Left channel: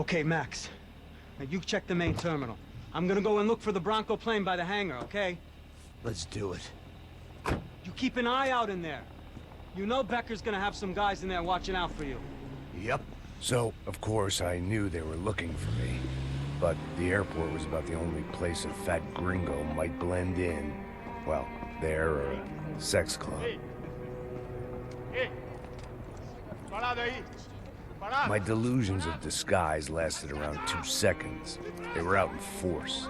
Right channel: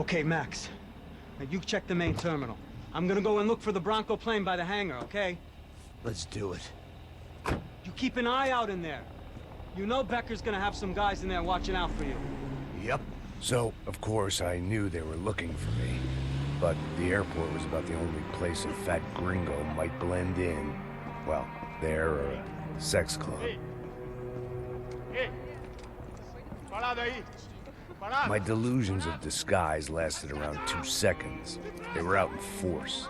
Okay, Max. Now you check the main terminal. I'm gonna go and look for the Bronco plane by the hangar, okay? Let's do it. You keep an eye out in there. You know Becker's gonna have some guys in there watching out for you. Yep. So, of course, I knew they were looking for me. But the airport was about the only place a fat gringo might blend in. Well, there or a sex club. My delusions of disguise lasted around 2 seconds. They were out in force.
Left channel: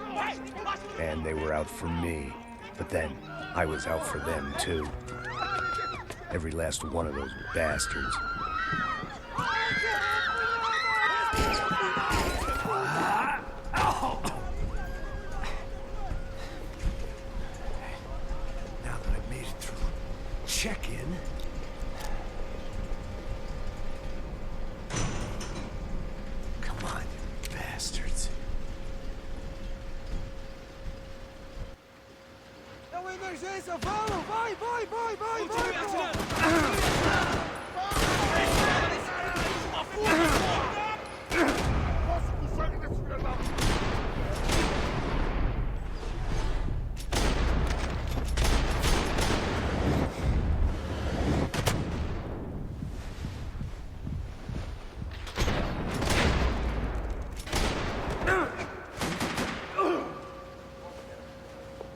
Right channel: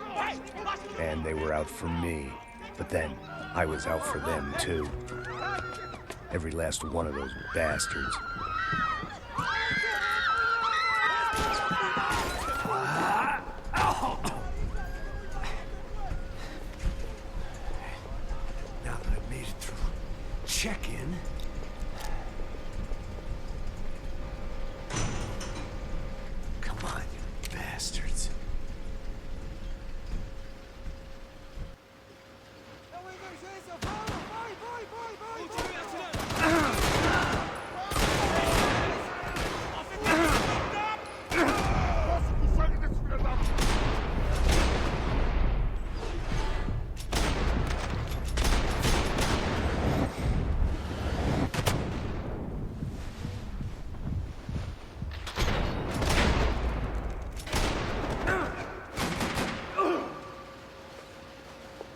And they were out for me. But then, I was out for them, too. Every last one of those bastards. Now that I've made it through check-in... Come on, you bastards. É uma emergência, vamos! Vai, vai, vai, vai! Continue atirando! Posso com sangue desse filho da...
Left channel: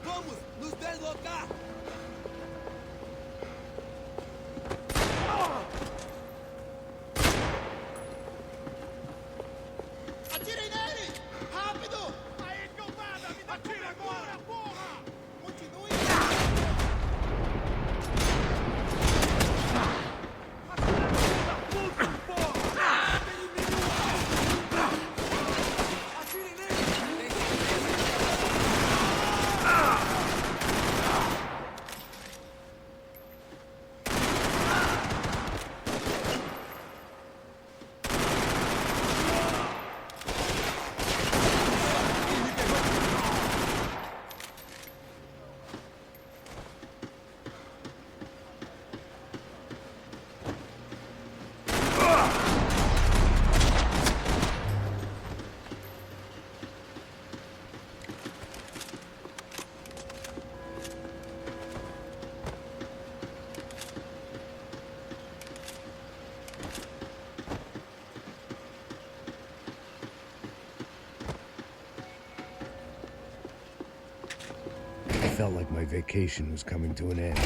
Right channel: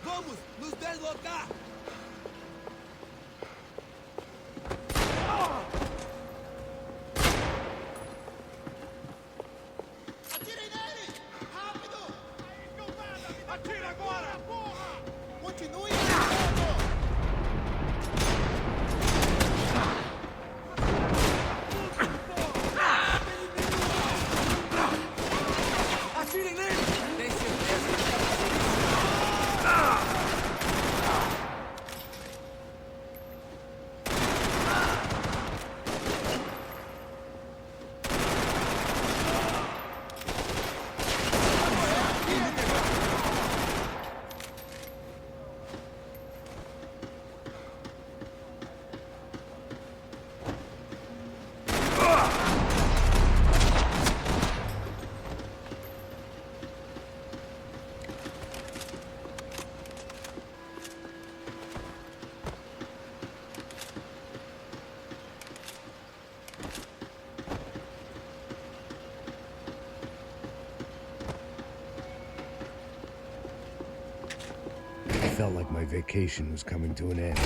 Vamos! Nos deslocar! Atirem nele! Rápido! Aí, cambada! Me dá atira agora! Porra! Continue atirando! Atira no filho da puta, porra! Elimine o alvo! Atirem nele! Tem certeza que quer fazer isso? It felt like my vacation was coming to an end.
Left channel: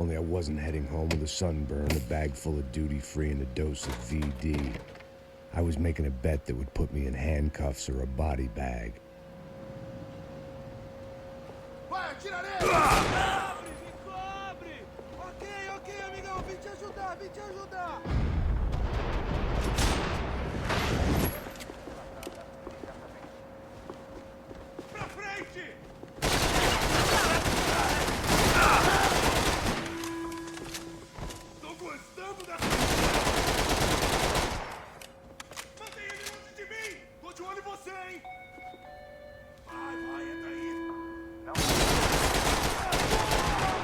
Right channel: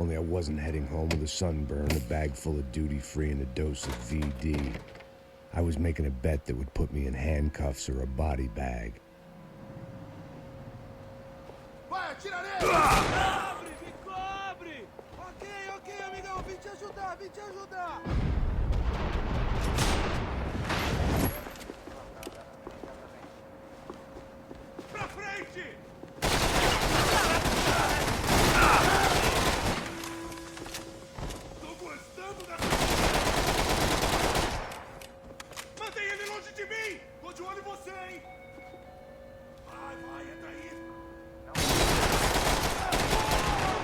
Only I wasn't heading home with a sunburn, a bag full of duty-free, and a dose of VD. I was making a bet that would put me in handcuffs or a body bag. Vai, atira nele! Cobre! Me cobre! Ok, ok, amigão, vim te ajudar, vim te ajudar! Pra frente! Tô gostando dessa... Mantém ele longe de mim! Tô de olho em você, hein? Vai, vai, entra aí! Não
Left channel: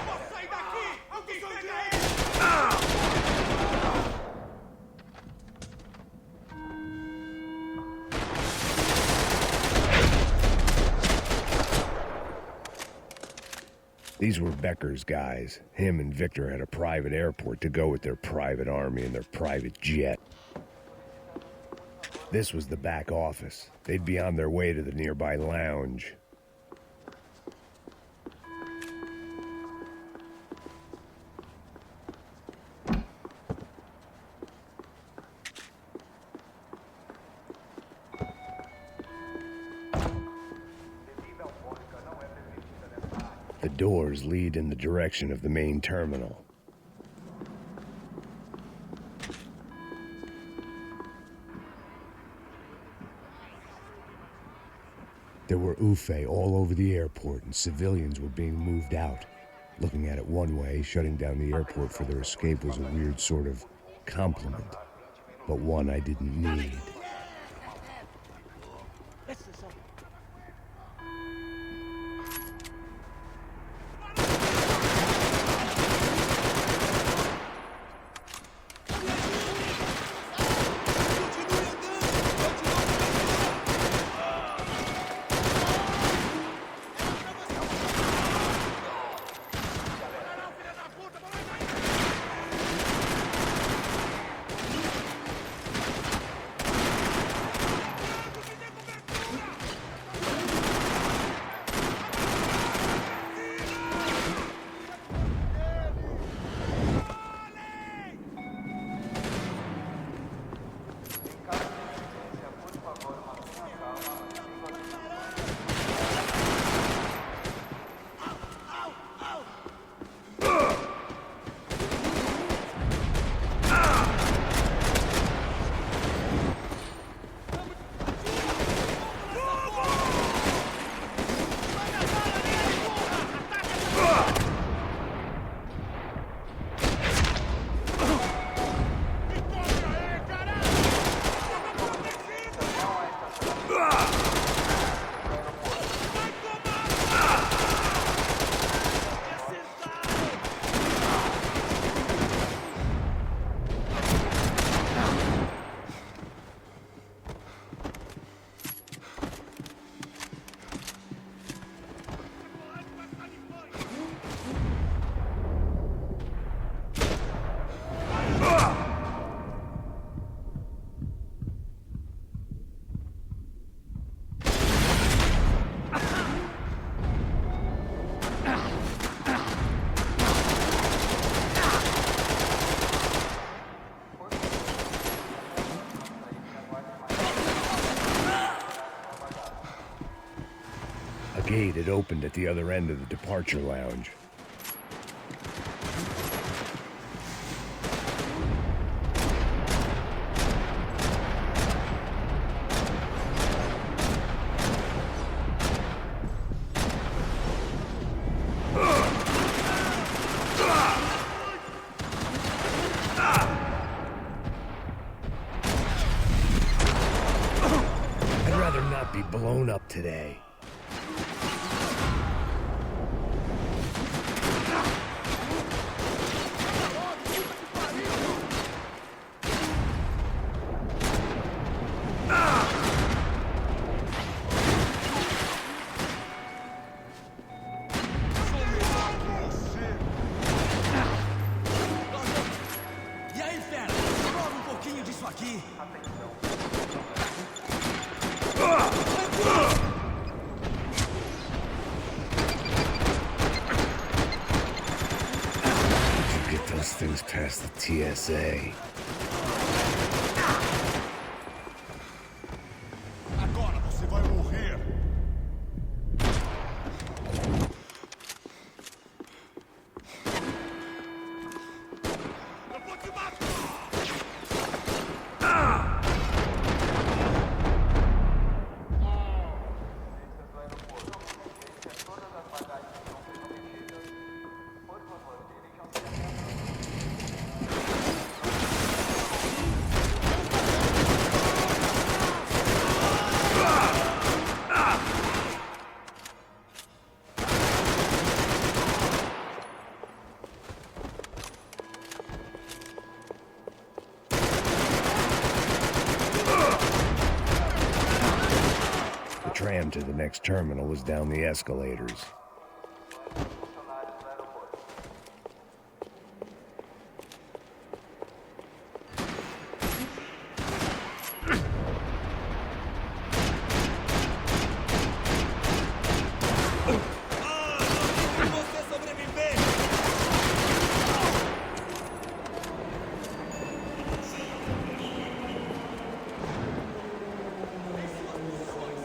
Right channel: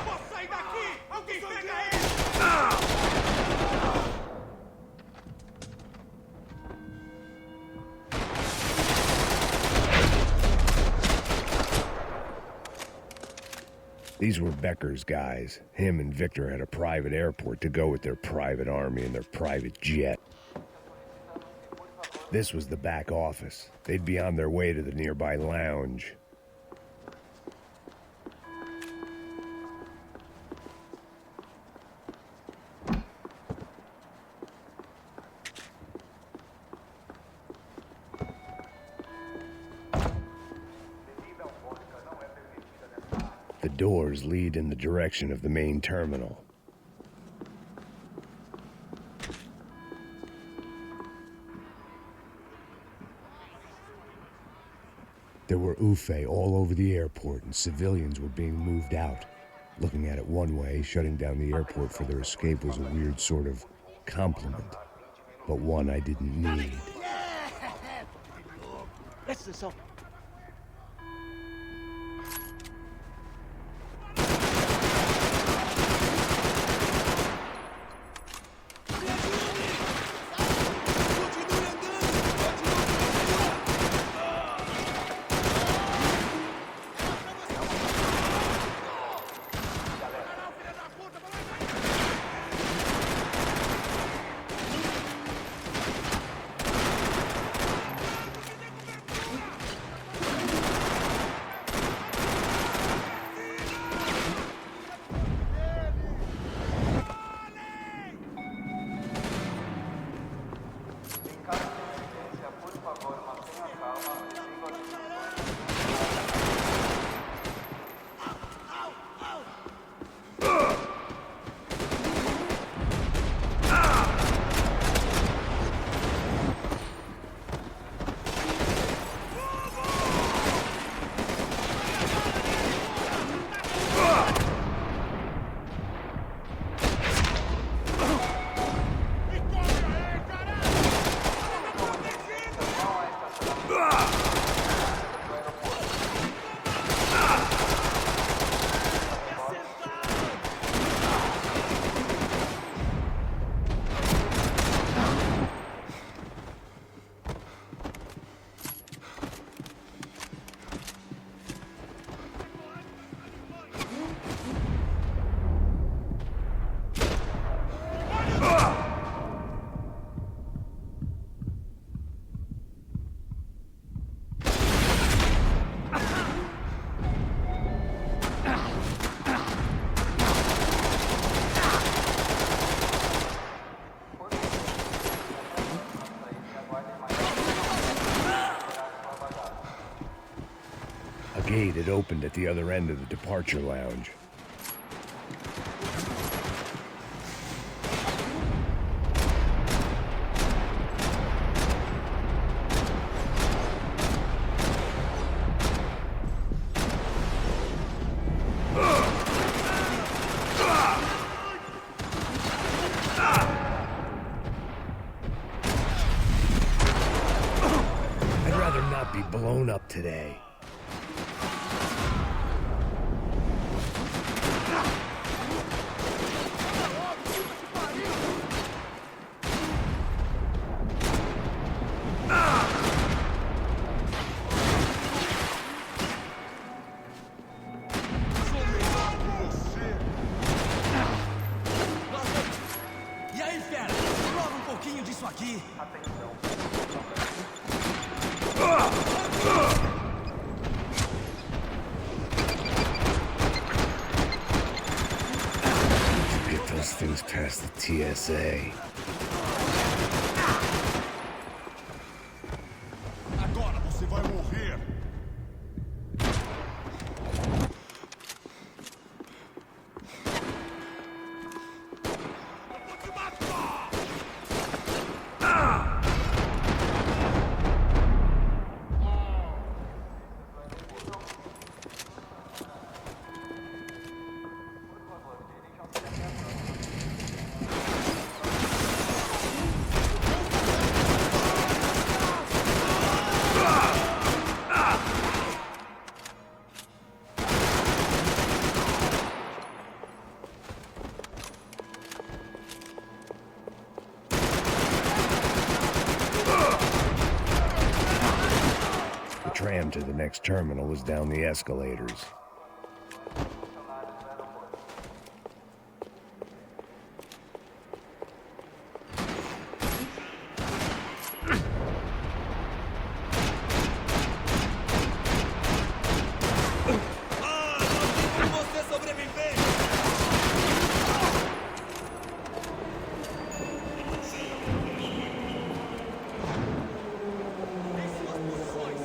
posso sair daqui! Alguém pega ele! These were Becker's guys. Him and Victor had a private airport to go with their private army and their private jet. This was the back office. They'd be on their way to the nearby lounge. The doors lead in the direction of the main terminal. There were UFE all over the airport, and civilians were being moved out. Looking at it one way, shutting down the airport for their escape was a weird sort of compliment, but one I didn't need. Me ajude! Continue andando! Eu te dou gate had opened at the other end of the departure lounge. I'd rather not be blown up today. Sou melhor que você. Nossa. E aí, fera? Prova um pouquinho disso aqui. How'd you get those things past the TSA? Agora você vai morrer. The tram to the next terminal was down the escalators. Ah, não tem como você sobreviver! Em suas posições!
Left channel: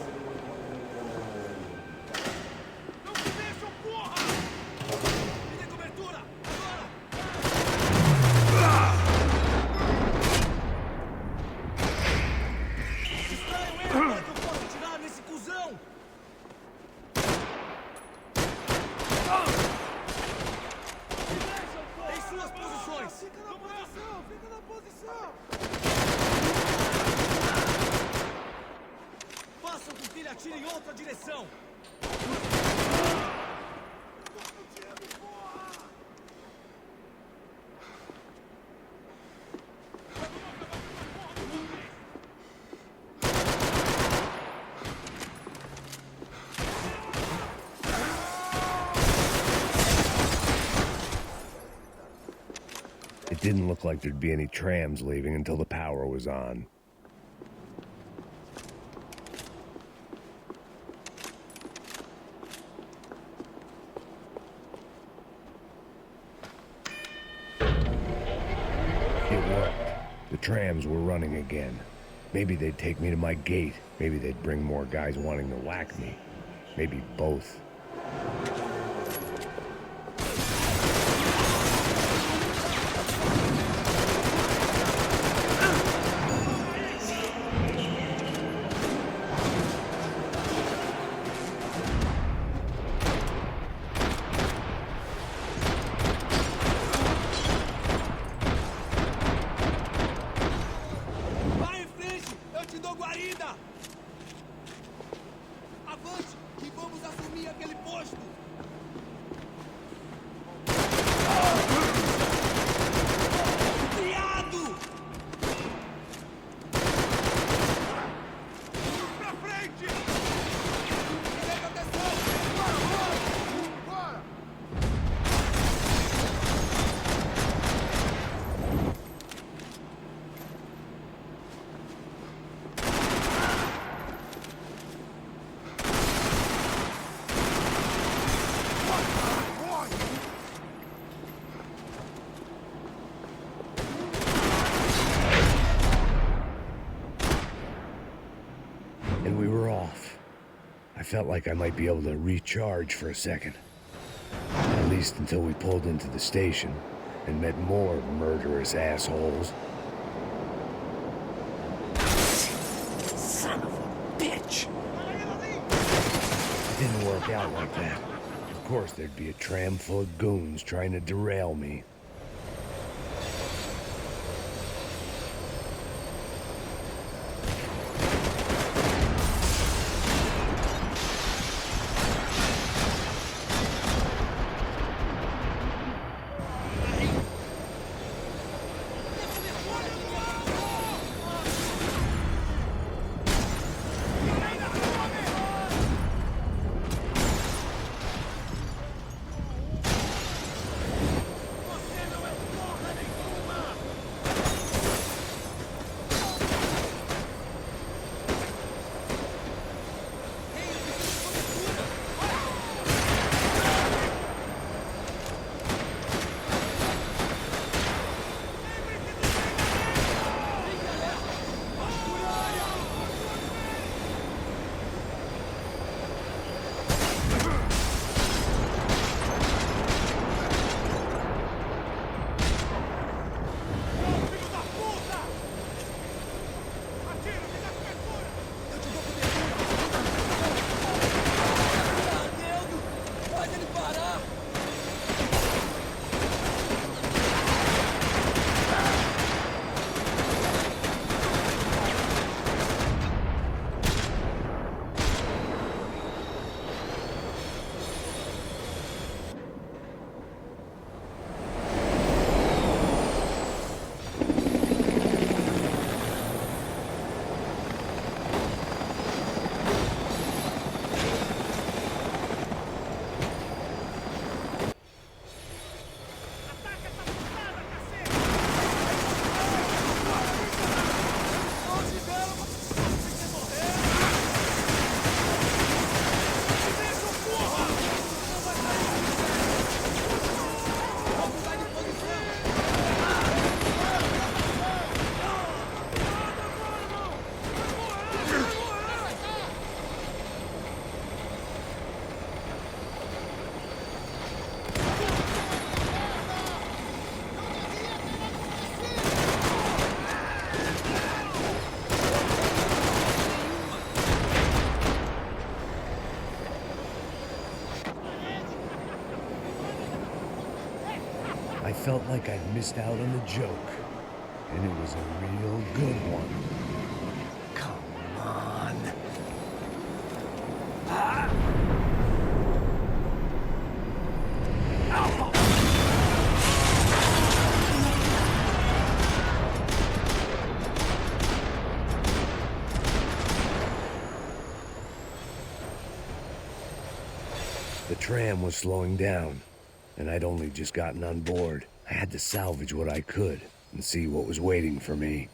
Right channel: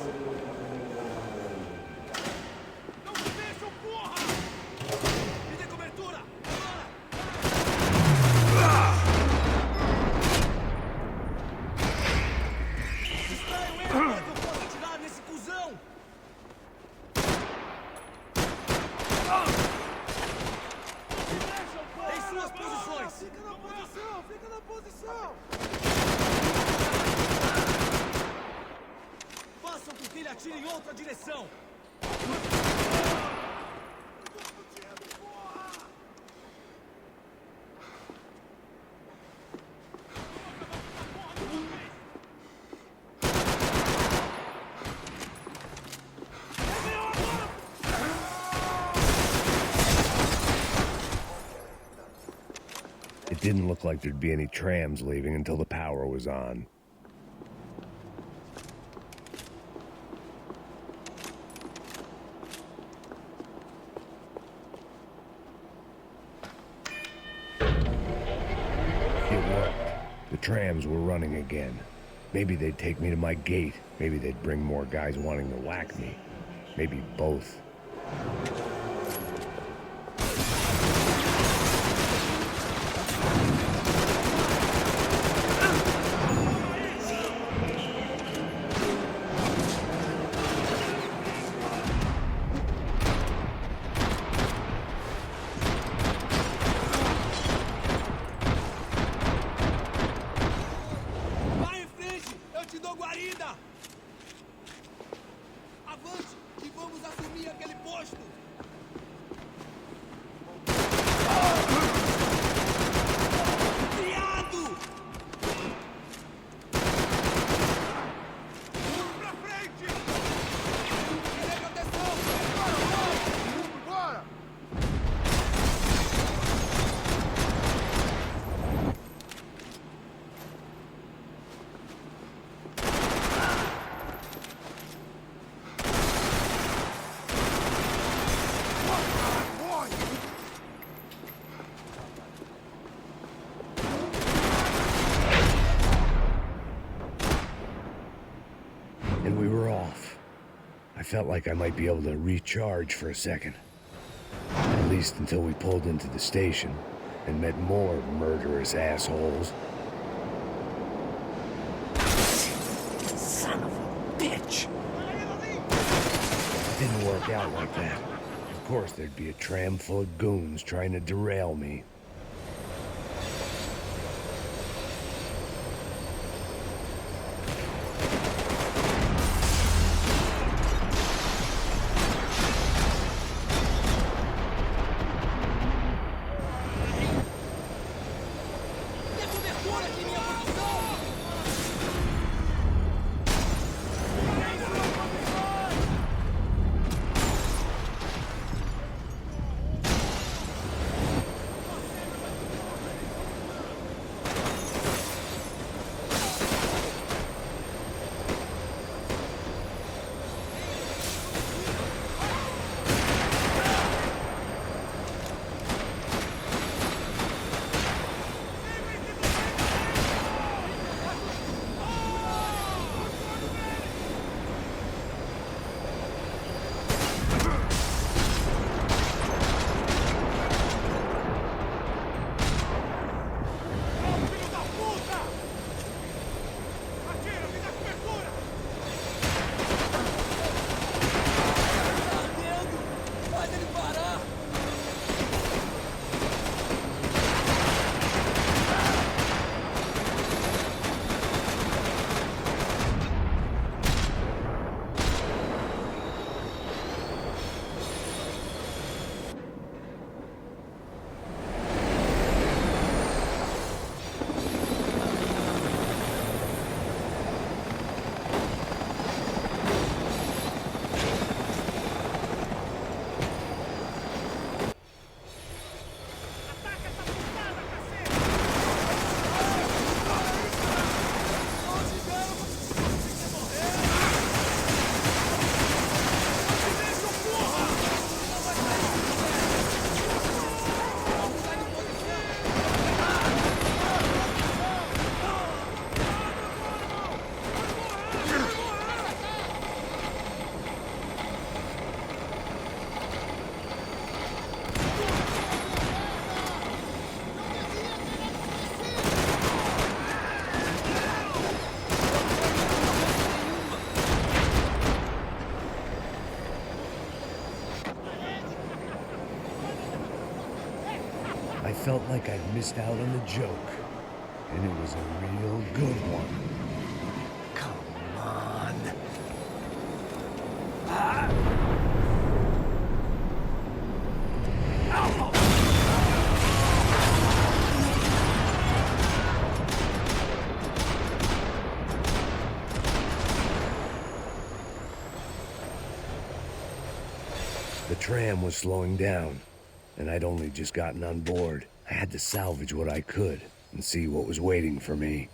Não se mexam, porra! Me dê cobertura! Agora! Distraiam ele para que eu possa atirar nesse cuzão! Em suas posições! Fica na posição, fica na posição. Façam com que ele atire em outra direção! Eu tô fudido, porra. Vamos acabar com essa porra de uma vez. É meu agora. It didn't look like there'd be any trams leaving until the power was on. It worked. The trams were running again. Maybe they'd take me to my gate. Maybe they'd bring more guys wanting to whack me. Maybe both. Vai em frente! Eu te dou guarida! Avante! Que vamos assumir aquele posto! Criado! Pra frente. Me dê proteção! Bora. felt like I might be able to recharge for a second. At least until we pulled into the station and met more murderous assholes. Son of a bitch! It didn't work out like that. Of course, there'd be a tram full of goons trying to derail me. Tem cobertura aqui em minha posição! Você não é porra nenhuma! Ei, eu preciso de cobertura! Lembre-se do treinamento! Fique alerta! Tô de olho nele! Não, filho da puta! Atira, me dá cobertura! Eu te dou cobertura! Tá ardendo! Faz ele parar! Ataca essa putada, cacete! Longe dela! Você quer morrer? Não se mexam, porra! Você não vai sair se puder! Vou mudar de posição! Proteção! Tá ferrado agora, irmão! Vai morrer! Vai morrer! Atravessou a minha perna! Não devia ter acontecido! Você não tem chance nenhuma! I felt like I'd missed out on the joke. And it was a real good one. Come on. The tram was slowing down, and I'd only just gotten on board. I had to salvage what I could and see what was waiting for me.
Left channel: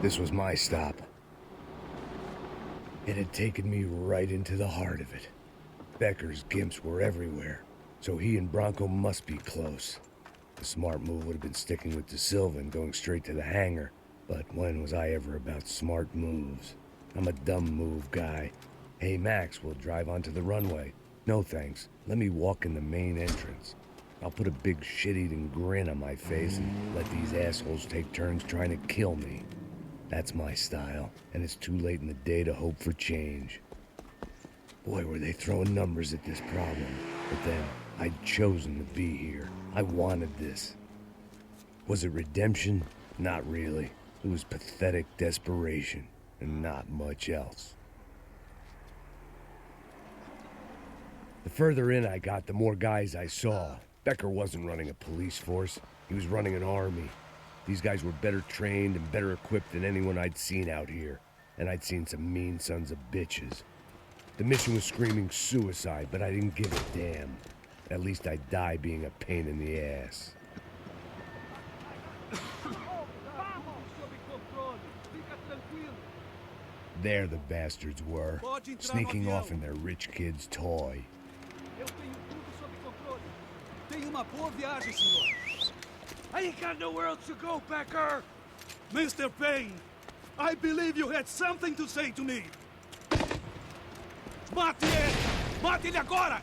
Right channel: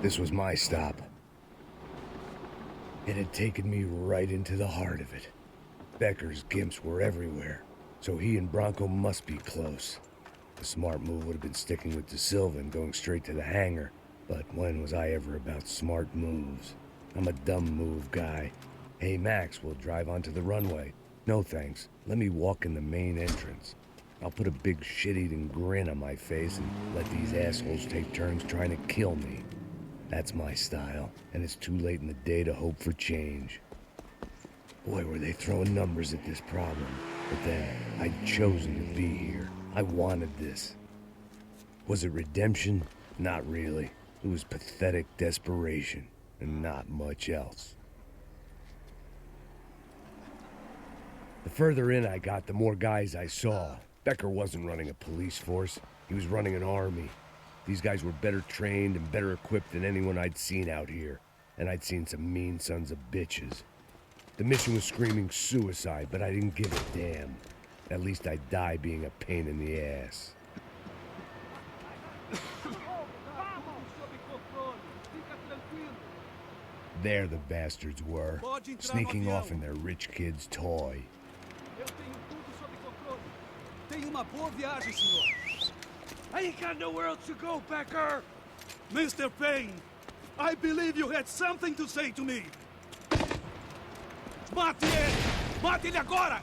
This was my stop. It had taken me right into the heart of it. Becker's gimps were everywhere, so he and Bronco must be close. The smart move would have been sticking with De Silva and going straight to the hangar, but when was I ever about smart moves? I'm a dumb move guy. Hey Max, we'll drive onto the runway. No thanks, let me walk in the main entrance. I'll put a big shit-eating grin on my face and let these assholes take turns trying to kill me. That's my style, and it's too late in the day to hope for change. Boy, were they throwing numbers at this problem. But then, I'd chosen to be here. I wanted this. Was it redemption? Not really. It was pathetic desperation, and not much else. The further in I got, the more guys I saw. Becker wasn't running a police force. He was running an army. These guys were better trained and better equipped than anyone I'd seen out here. And I'd seen some mean sons of bitches. The mission was screaming suicide, but I didn't give a damn. At least I'd die being a pain in the ass. Sob controle. Fica tranquilo. There the bastards were, sneaking off in their rich kid's toy. Eu tenho tudo sob controle. Tenha uma boa viagem, senhor. I ain't got nowhere else to go, Becker! Mr. Payne, I believe you had something to say to me. Mate ele! Mate ele agora!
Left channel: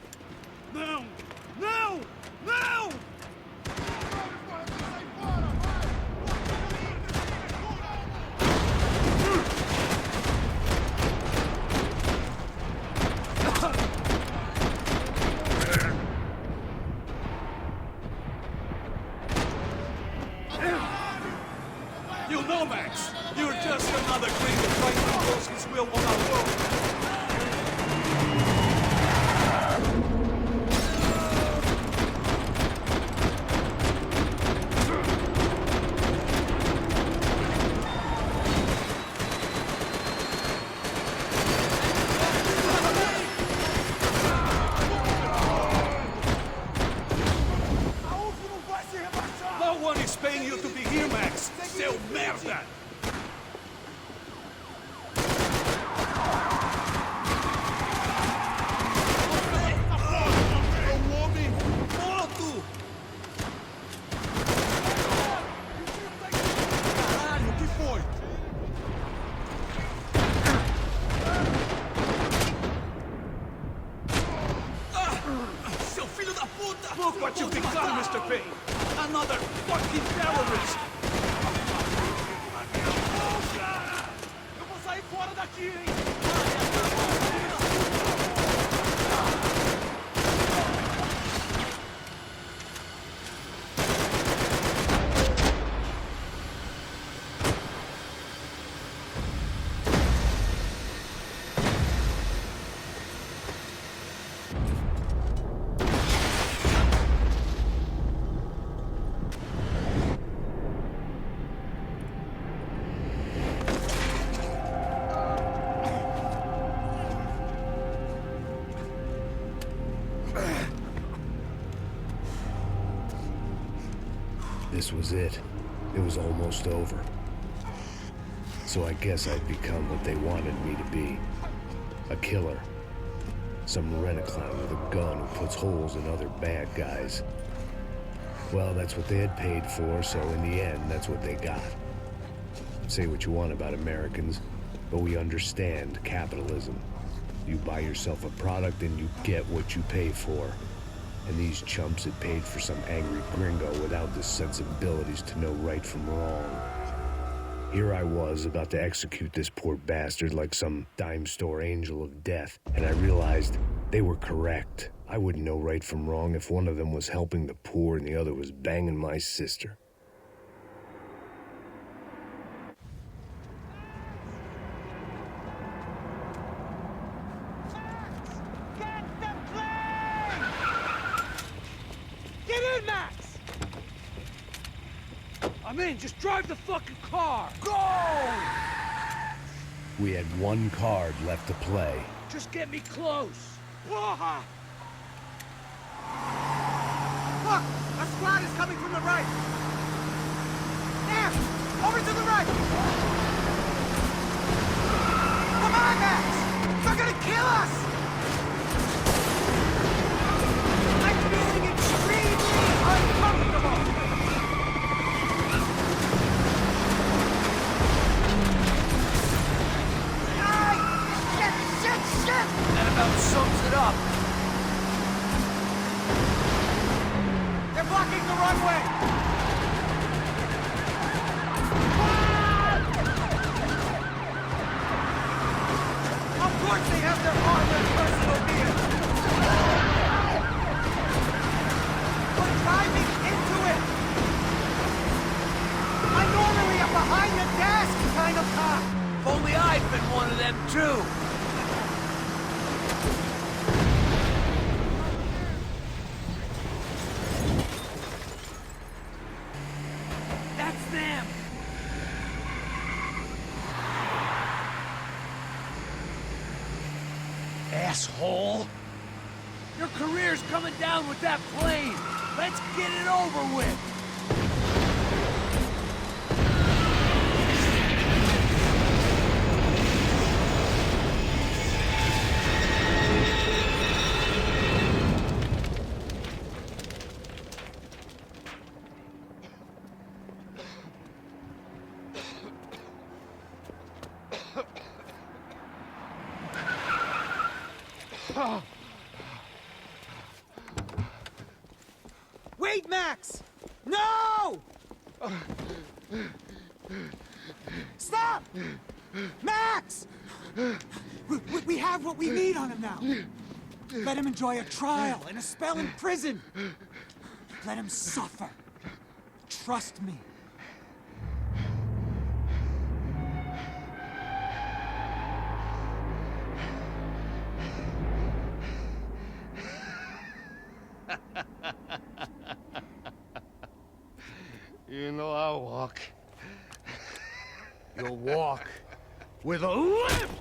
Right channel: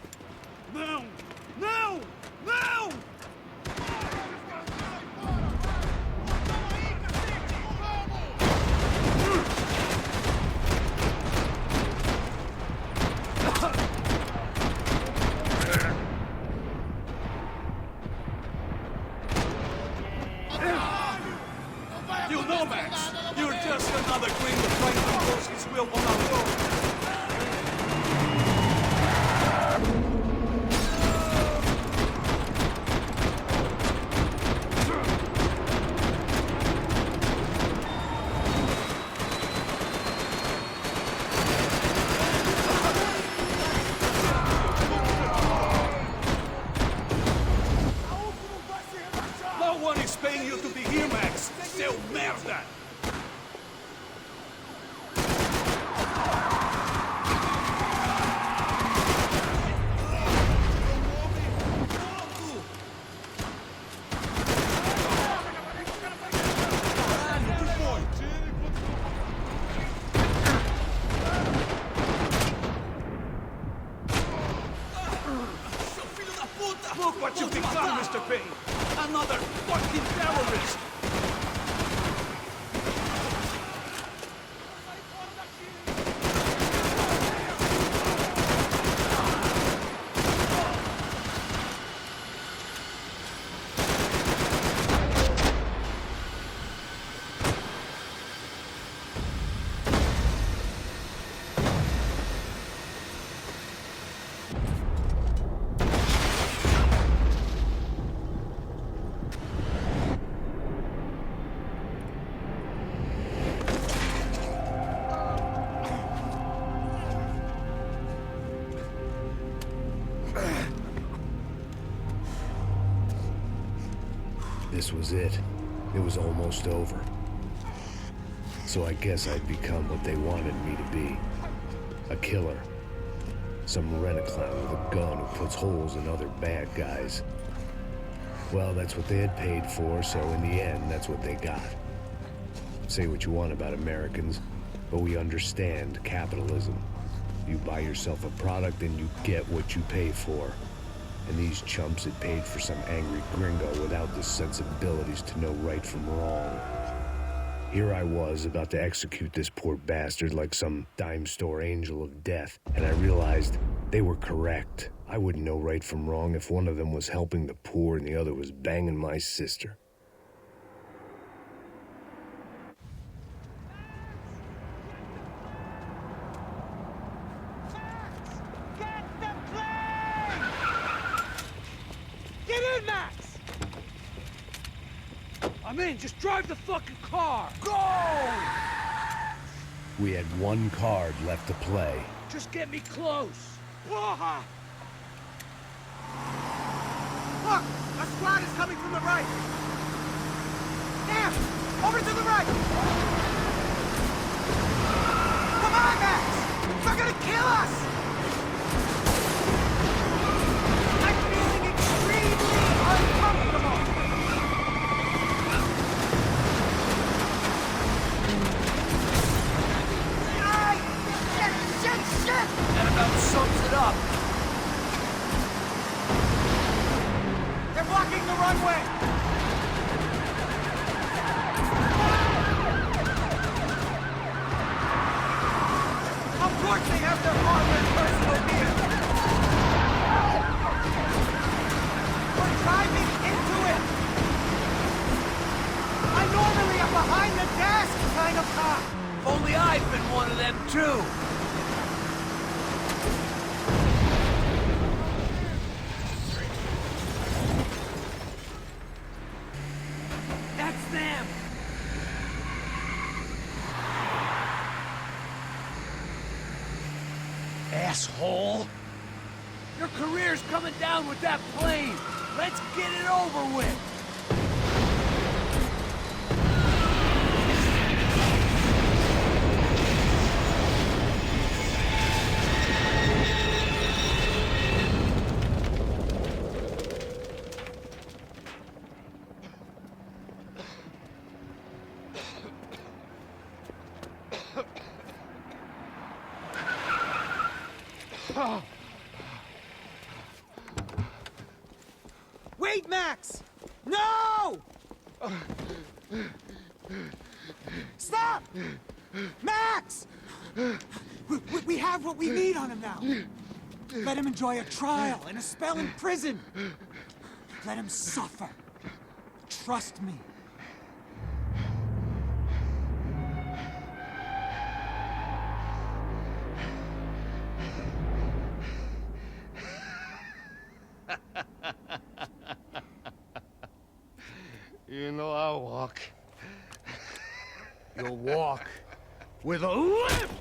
Não! Não! Não! Sai fora, vai! Toma aí, cacete! You know, Max, you're just another gringo trying to impose his will on our road. A UF não vai se rebaixar! No one is paying you to be here, Max. Seu merda! É um homem morto! Caralho, o que foi? Seu filho da puta! Look what you done, Mr. Payne! Another fucking terrorist! Eu vou sair fora daqui, hein? This was it. It was almost over. So I guess I'd become what they wanted me to be. A killer. Some rent-a-clown with a gun who puts holes in other bad guys. Well, that's what they had paid for, so in the end, that's what they got. Say what you want about Americans, but we understand capitalism. You buy yourself a product and you get what you pay for. And these chumps had paid for some angry gringo without the sensibilities to know right from wrong. Here I was about to execute this poor bastard like some dime store angel of death, and I realized they were correct. I wouldn't know right from wrong if one of them was helping the poor and the other was banging my sister. Get in, Max! I'm in, just drive the fucking car! Go! We had one card left to play. Just get me close! Porra! Look! A squad is coming from the right! There! Over to the right! Come on, Max! They're gonna kill us! I'm feeling extremely uncomfortable! Shit! That about sums it up. They're blocking the runway! Of course they have their armored personal vehicle! We're driving into it! I'm normally a behind-the-desk kind of cop! If only I'd been one of them, too! That's them! Asshole! Your career's coming down with that plane! Let's get it over with! Wait, Max! No! Stop! Max! We have what we need on him now. Let him enjoy a trial and a spell in prison. Let him suffer. Trust me. You know I'll walk. You'll walk with a limp!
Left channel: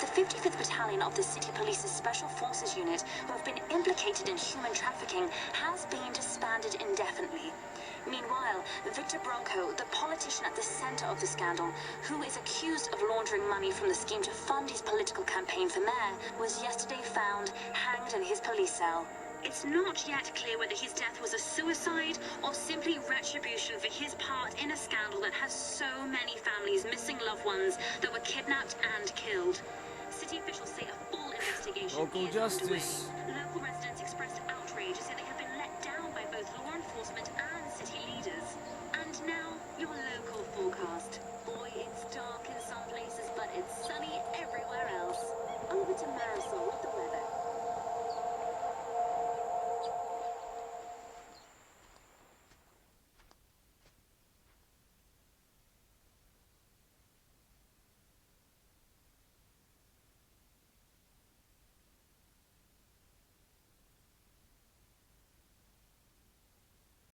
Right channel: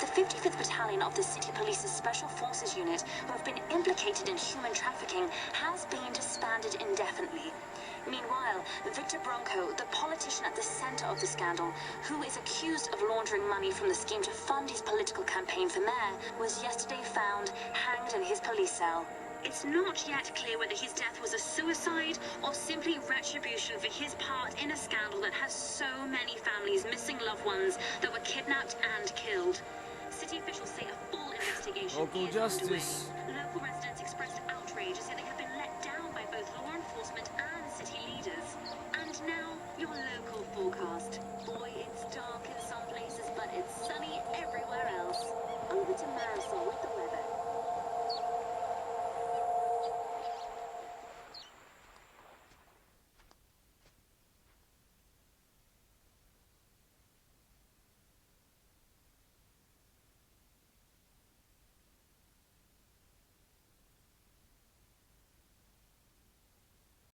The 55th Battalion of the City Police's Special Forces Unit, who have been implicated in human trafficking, has been disbanded indefinitely. Meanwhile, Victor Bronco, the politician at the center of the scandal, who is accused of laundering money from the scheme to fund his political campaign for mayor, was yesterday found hanged in his police cell. It's not yet clear whether his death was a suicide or simply retribution for his part in a scandal that has so many families missing loved ones that were kidnapped and killed. City officials say a full investigation Local is justice. underway. Local residents expressed outrage as they have been let down by both law enforcement and city leaders. And now, your local forecast. Boy, it's dark in some places, but it's sunny